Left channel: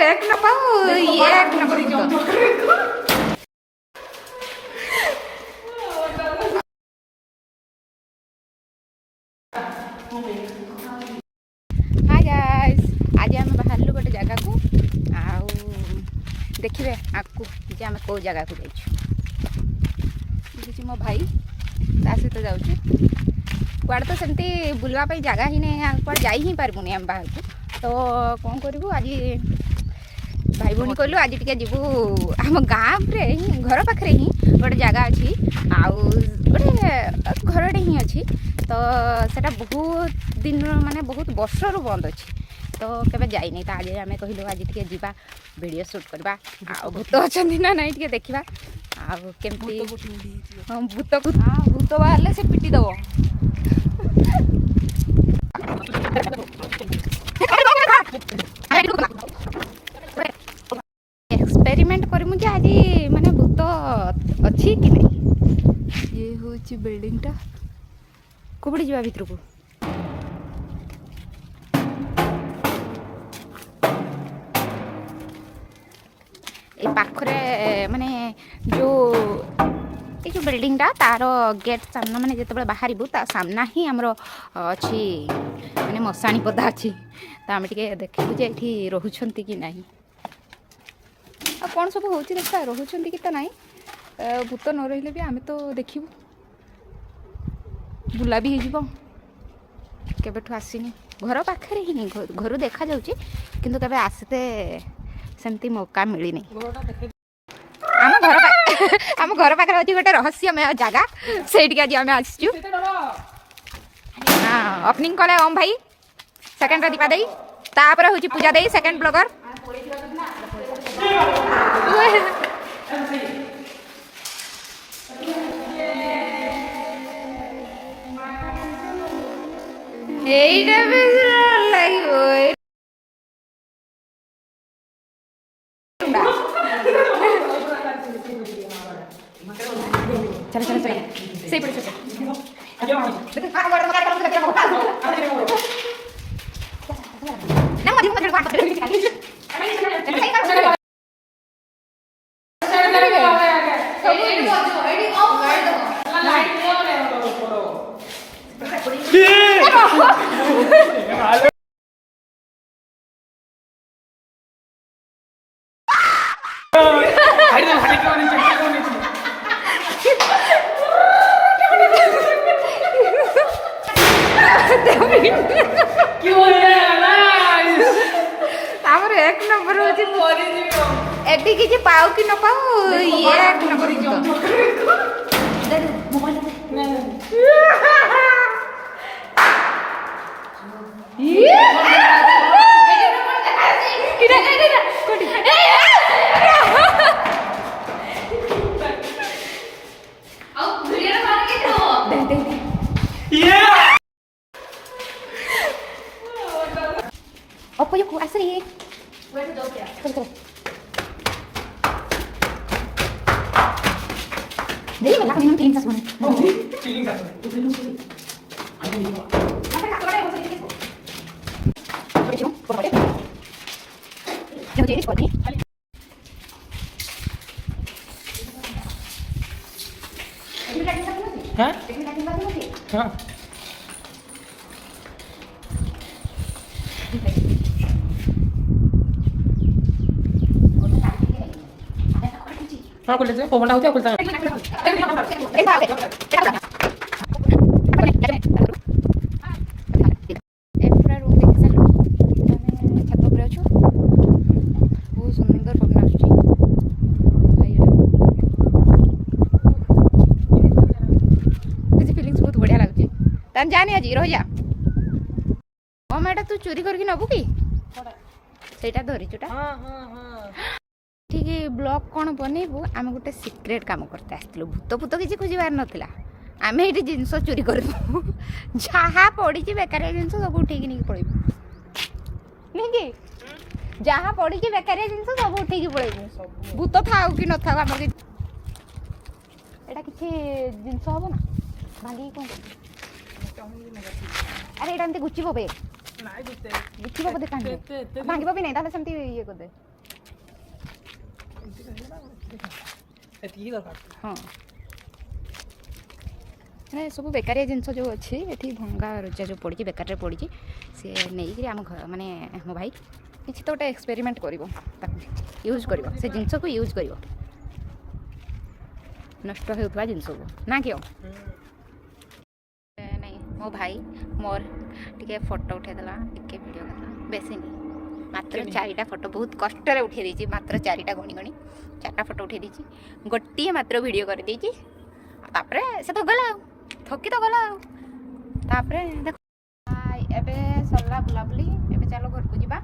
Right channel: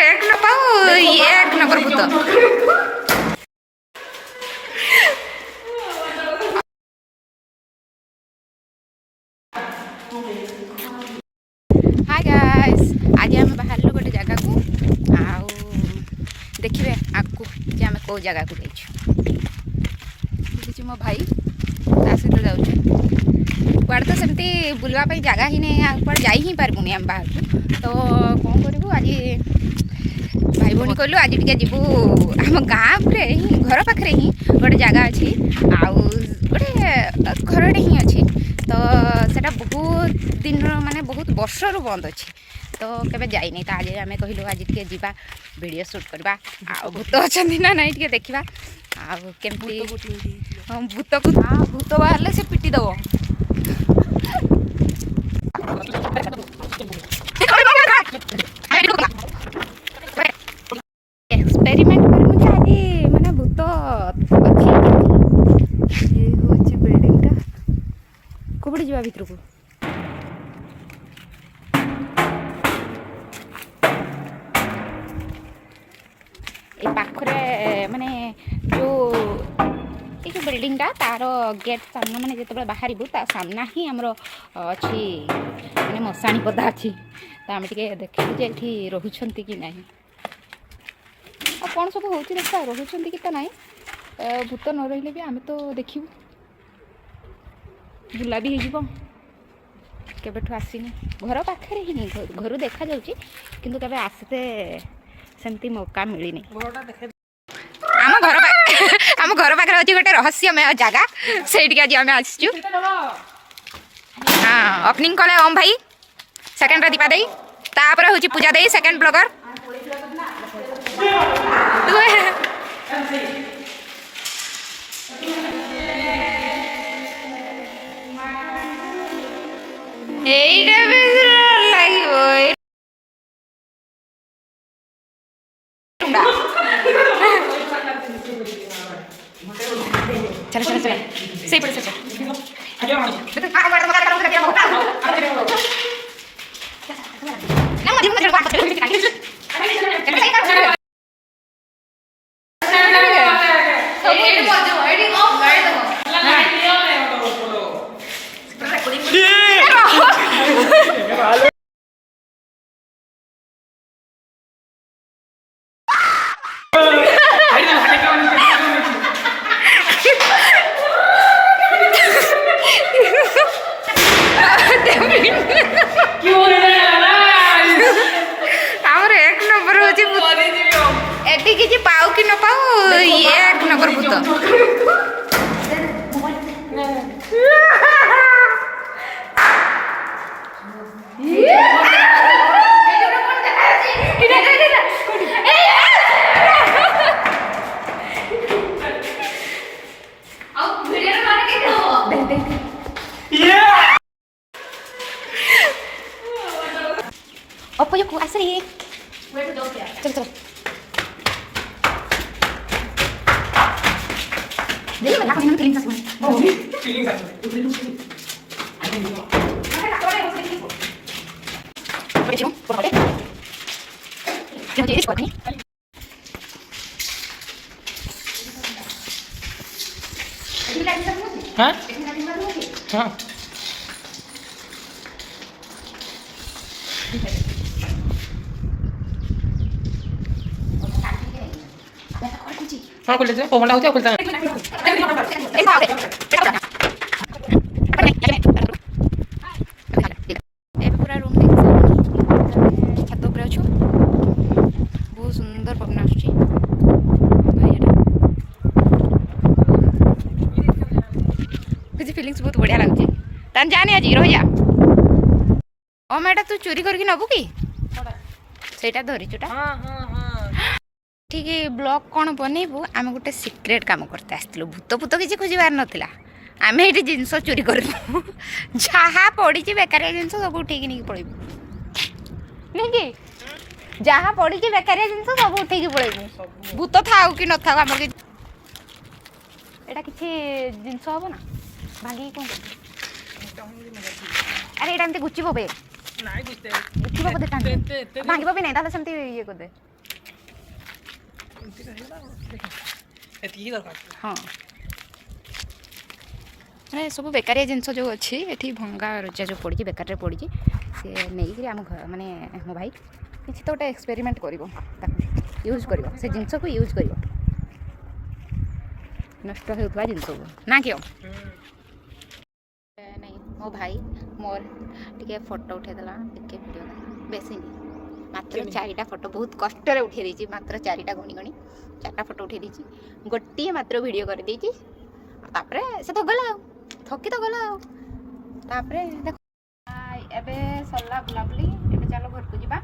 एक न पाऊ एक नंबर भूत हाय गाइस आज आम बाहर गोटे जगह को आउ देखिए आगू जे आम कौ जगह को जाइए मो भाई ता सहित जाऊँ कुआड़े तो सेमती बुलवाई जगह ही नहीं कुआड़े जा ही पार्बुनि आम बाहर को तो कौन करूँ आज भाई भौणी कहलु आज टे जीवु आम गाँव ही घर पाखे ही गोटे जगह अच्छी आउ गोटे घरटे ही अच्छी तो सेटा बहुत दिन माने बहुत वर्ष रु बंद अच्छी तो केबे जाई नहीं तो आज आम कहलु आज टे जीवा वीडियो शूट करवा आ भूत अच्छा ना नहीं टे देखा आमती भूत को भूत बाहर से पिटी दब एक्सपेरिमेंट कर मुझे आज माने भूत अच्छी कि नहीं ये हूँ बिल्डिंग टा कोबड़ी जा भीतर को ये पाखरे माने जो ये जो बिल्डिंग टा तार गेट सामना माने जिते बाहर सामना ही आमर अच्छी माने मशाणी पदा अच्छी तो आम टे देखू जे ये रोचंती कि नहीं आ कौन सब हो देखा रोचंती कि तो नहीं भूत न रही भी आम तो देखू बुला भी हो केबेठू आसीनी घर पाखे ही नहीं घर देखा जाऊँगी किंतु केबे आसते सेमती मौका मिलनी आम घर पाखे अच्छी गोटे रहस्यमय जगह से आज आम आसचु हाँ ओपनिंग कले ओम भाई सेकेंड दीपा दे तापर हूँ पूजा दे सेकेंड ब्लॉगर चलो चलो चलो सही पड़े सही एक नंबर हूँ एटी किसी पाऊ कि न पाऊ ये एक नंबर भूत Apa yuk asri? Coba coba. Jadi mana aku ini feeling satu nih. Oh, feeling satu. Hah? Hah? खोल लेते पवन होता खोलता पूरा रूम देख छत पर अच्छु बहुत सुंदर पवन आसुची फिलिंग्स बहुत बढ़िया लगुच तान जाने आज रही जा ओ मैडा तू चोरी करके नबू कि सेटा धरी चुटा ठीक ब्लॉग कौन बनइबू आम गोटे सिक्रेट काम करते आसलु भूत भूत किसी खोजार नाला आम ये जिनस चोरी कर जहाँ पड़ी बेकारिया जिनस सब उठे नहीं पड़ेबू नहीं कि जहाँ पड़ी बेकारिया जिनस सब उठे पड़ेबू भूत थाऊ कि न थाऊ आम एटा किसी जिनस हम ना भांगी कौन अरे यहाँ एमती गुचिब बे गुचिब बोधे भांग भी नहीं सेमती ये करदे हाँ सब बेकारिया जिनस जो अच्छी ये भंगा रजा जो पड़ी बेकार पड़ी सी नहीं आम घर माने मो भाई किसी तो गोटे एक्सपेरिमेंट कर यूज कर से जिनस को यूज कर नष्ट होता जिनस को ना क्यों नहीं मो भाई मोर टे फोटो उठेदेला टे वीडियो कला बेसी नहीं मात्र 4टा फोटो बहुत कष्ट उठे देती मात्र 4टा गणी गणी 4टा फोटो उठे देती गोटे मात्र वीडियो कर देती तापरे से तो गला ठकी तो गला तापरे देख एबे सरला बुलाबुली एबे चलो घर को जीवा